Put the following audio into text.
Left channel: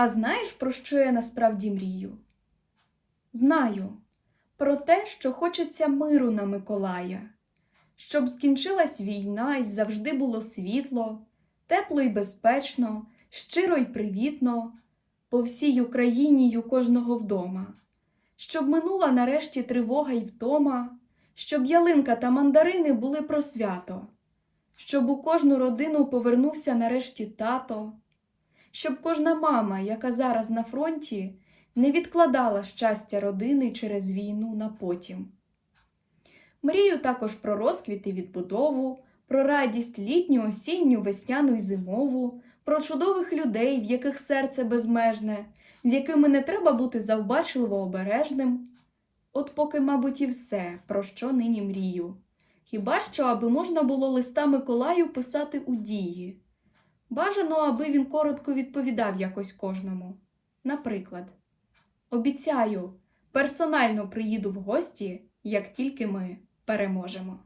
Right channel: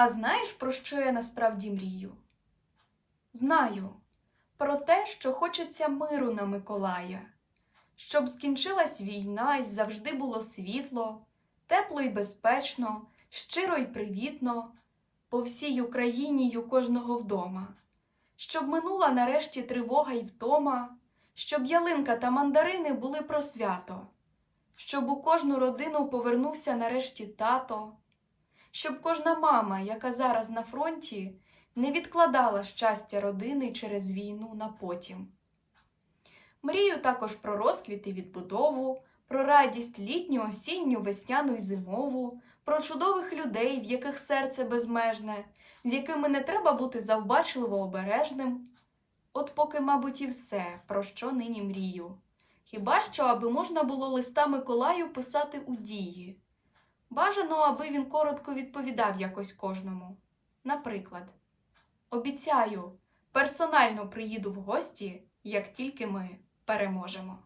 А знаєш, про що я насправді мрію? Знаю. Про те, що хочеться миру на Миколая, щоб скінчилась війна і завжди було світло, тепло й безпечно, щиро й привітно, по всій Україні й у кожного вдома, щоб минула нарешті тривога й втома, щоб ялинка та мандарини були про свято, щоб у кожну родину повернувся нарешті тато щоб кожна мама, яка зараз на фронті, не відкладала щастя родини через війну на потім. Мрію також про розквіт і відбудову, про радість літню, осінню, весняну й зимову, про чудових людей, в яких серце безмежне, з якими не треба бути завбачливо обережним. От поки, мабуть, і все, про що нині мрію. Хіба що, аби можна було листа Миколаю писати у дії. Бажано, аби він коротко відповідав якось кожному. Наприклад, обіцяю, персонально приїду в гості, як тільки ми переможемо.